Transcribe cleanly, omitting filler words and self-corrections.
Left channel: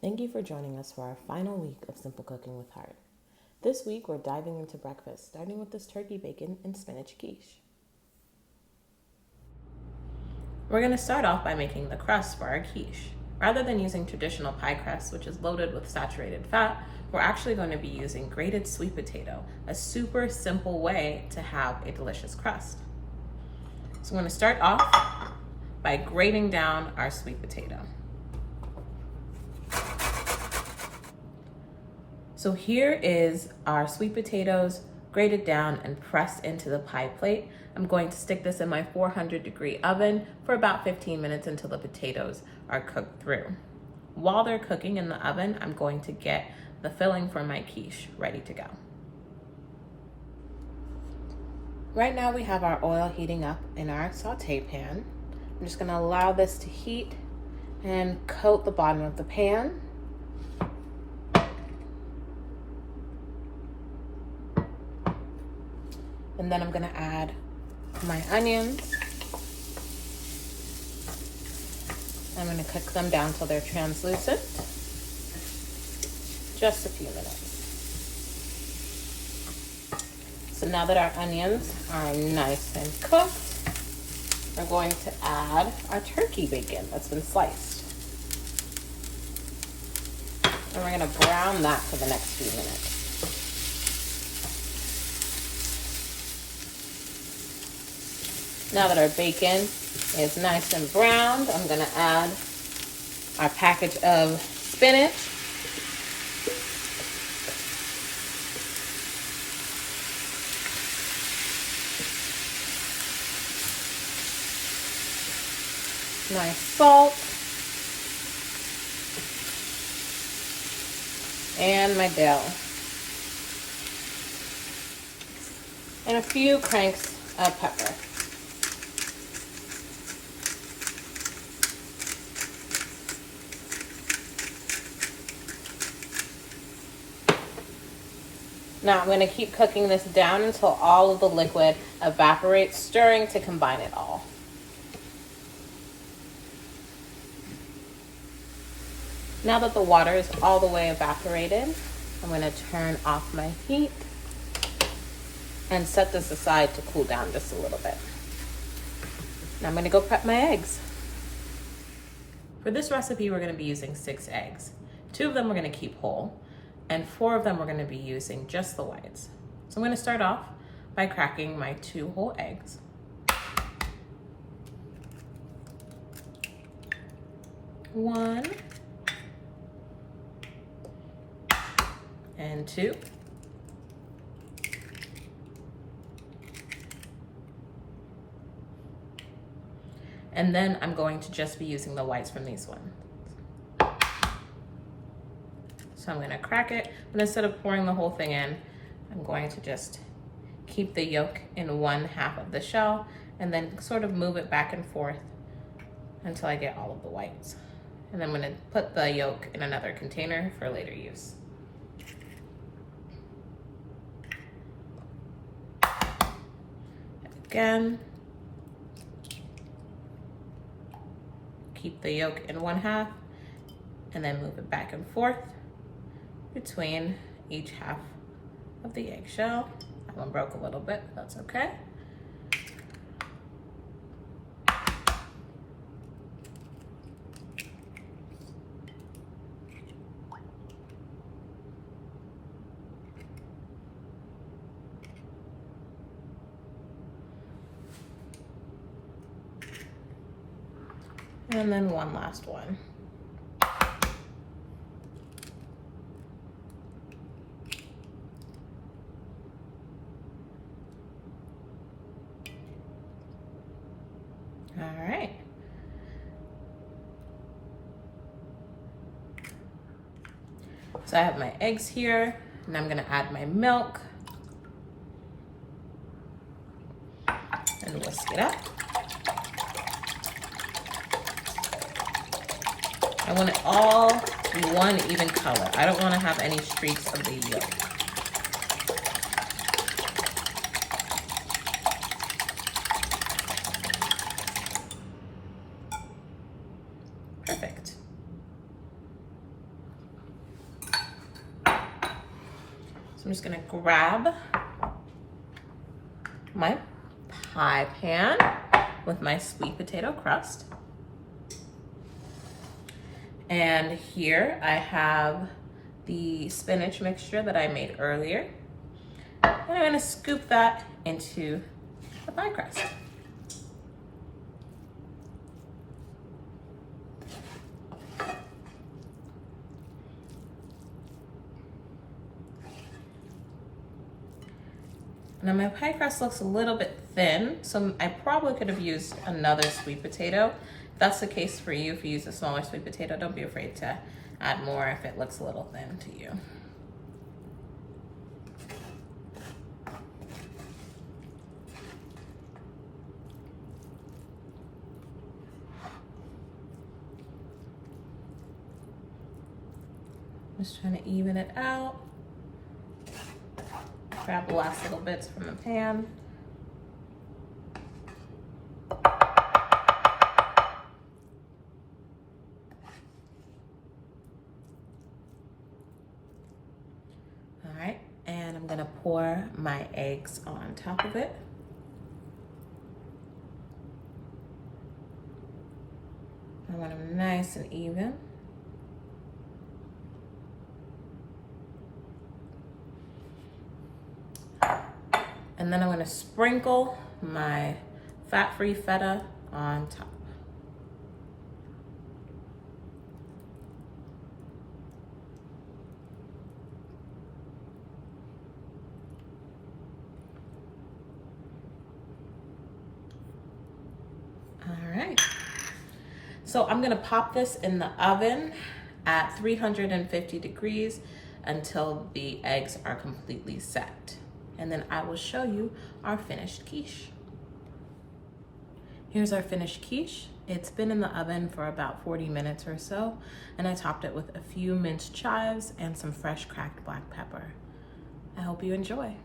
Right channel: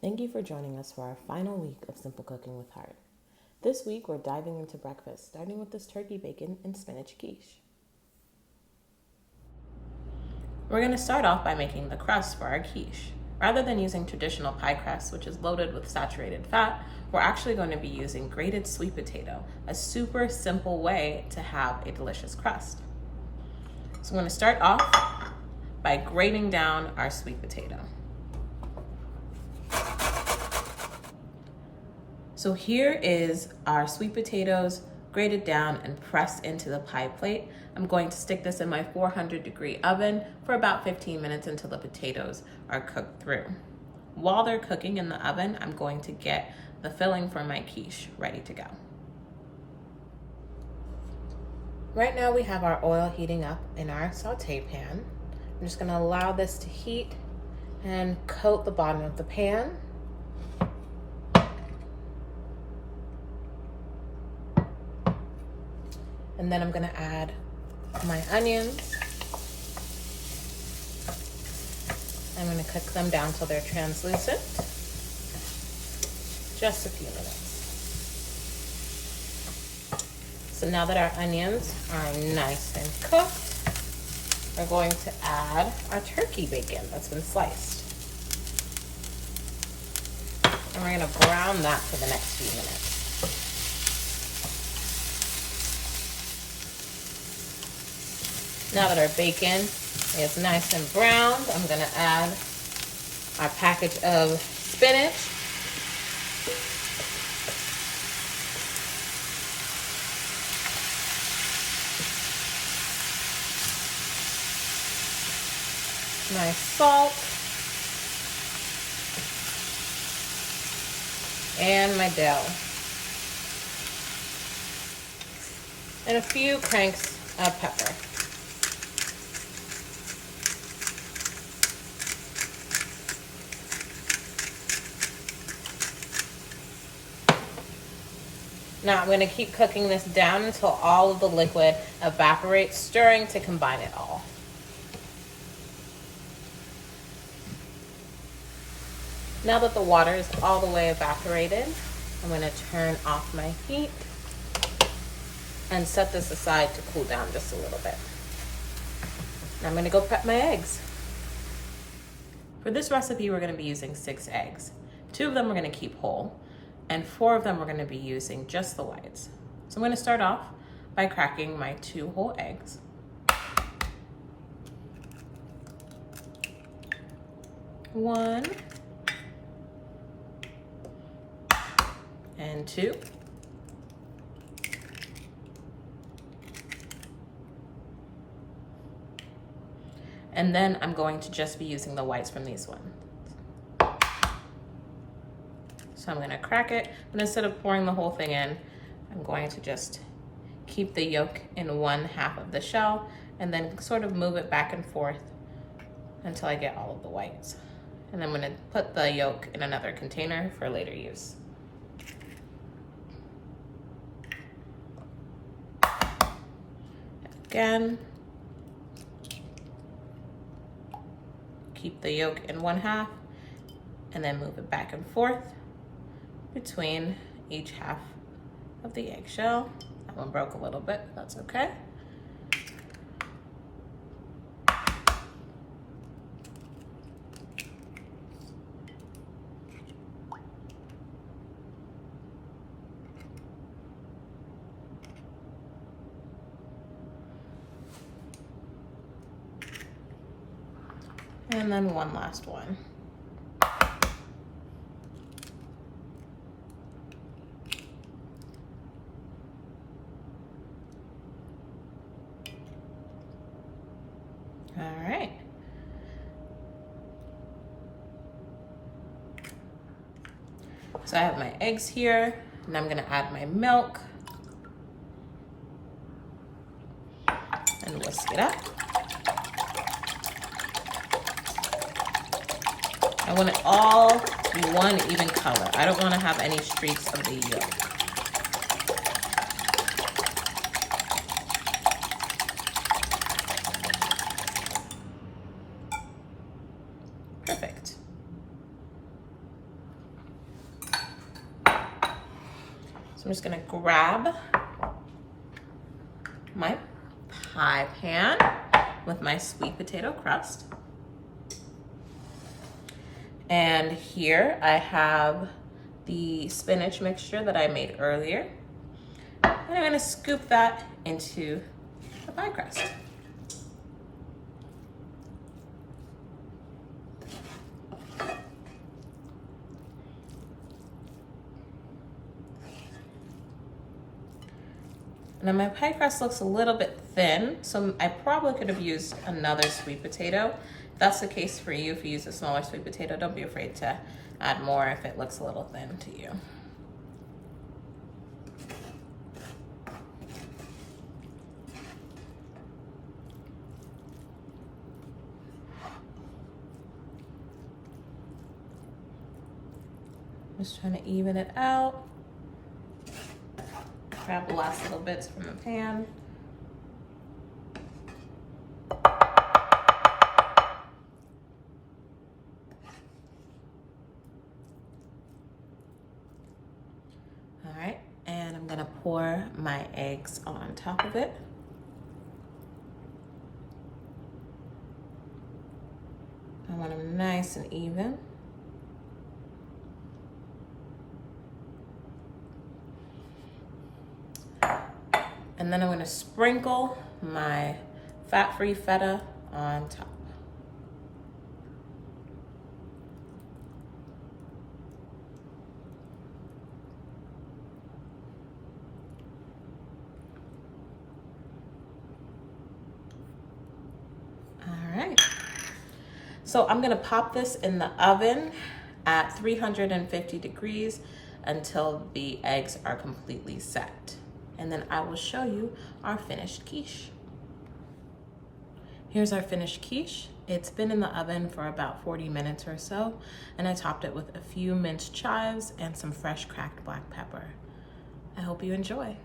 Thank you for joining us for our final week of Simple Cooking with Heart. This week, we're diving into breakfast, starting with this turkey bacon and spinach quiche. We're going to start off by making the crust for our quiche. Rather than using traditional pie crust, which is loaded with saturated fat, we're actually going to be using grated sweet potato, a super simple way to have a delicious crust. So I'm going to start off by grating down our sweet potato. So here is our sweet potatoes grated down and pressed into the pie plate. I'm going to stick this in my 400-degree oven for about 15 minutes until the potatoes are cooked through. While they're cooking in the oven, I'm going to get the filling for my quiche ready to go. Right now we have our oil heating up in our saute pan. I'm just going to allow this to heat and coat the bottom of the pan. And then I'm going to add my onions. I'm going to cook them down till they're translucent. Just a few minutes. So now that our onions are nice and cooked, we're going to add our turkey bacon that's been sliced. And we're going to brown that for the next few minutes. Now that our bacon is nice and browned, I'm going to add our package of spinach. My salt. And my dill. And a few cranks of pepper. Now I'm going to keep cooking this down until all of the liquid evaporates, stirring to combine it all. Now that the water is all the way evaporated, I'm going to turn off my heat and set this aside to cool down just a little bit. Now I'm going to go prep my eggs. For this recipe, we're going to be using 6 eggs. 2 of them we're going to keep whole, and 4 of them we're going to be using just the whites. So I'm going to start off by cracking my 2 whole eggs. One and 2. And then I'm going to just be using the whites from these ones. So I'm going to crack it, but instead of pouring the whole thing in, I'm going to just keep the yolk in one half of the shell and then sort of move it back and forth until I get all of the whites. And then I'm going to put the yolk in another container for later use. Again, keep the yolk in one half and then move it back and forth between each half of the eggshell. That one broke a little bit, that's okay. And then one last one. All right. So I have my eggs here, and I'm gonna add my milk and whisk it up. I want it all to be one even color. I don't want to have any streaks of the yolk. Perfect. I'm just gonna grab my pie pan with my sweet potato crust. And here I have the spinach mixture that I made earlier. And I'm gonna scoop that into the pie crust. Now my pie crust looks a little bit thin, so I probably could have used another sweet potato. If that's the case for you, if you use a smaller sweet potato, don't be afraid to add more if it looks a little thin to you. Just trying to even it out. Grab the last little bits from the pan. All right, and I'm gonna pour my eggs on top of it. I want them nice and even. And then I'm gonna sprinkle my fat-free feta on top. All right. So I'm gonna pop this in the oven at 350 degrees until the eggs are completely set. And then I will show you our finished quiche. Here's our finished quiche. It's been in the oven for about 40 minutes or so, and I topped it with a few minced chives and some fresh cracked black pepper. I hope you enjoy.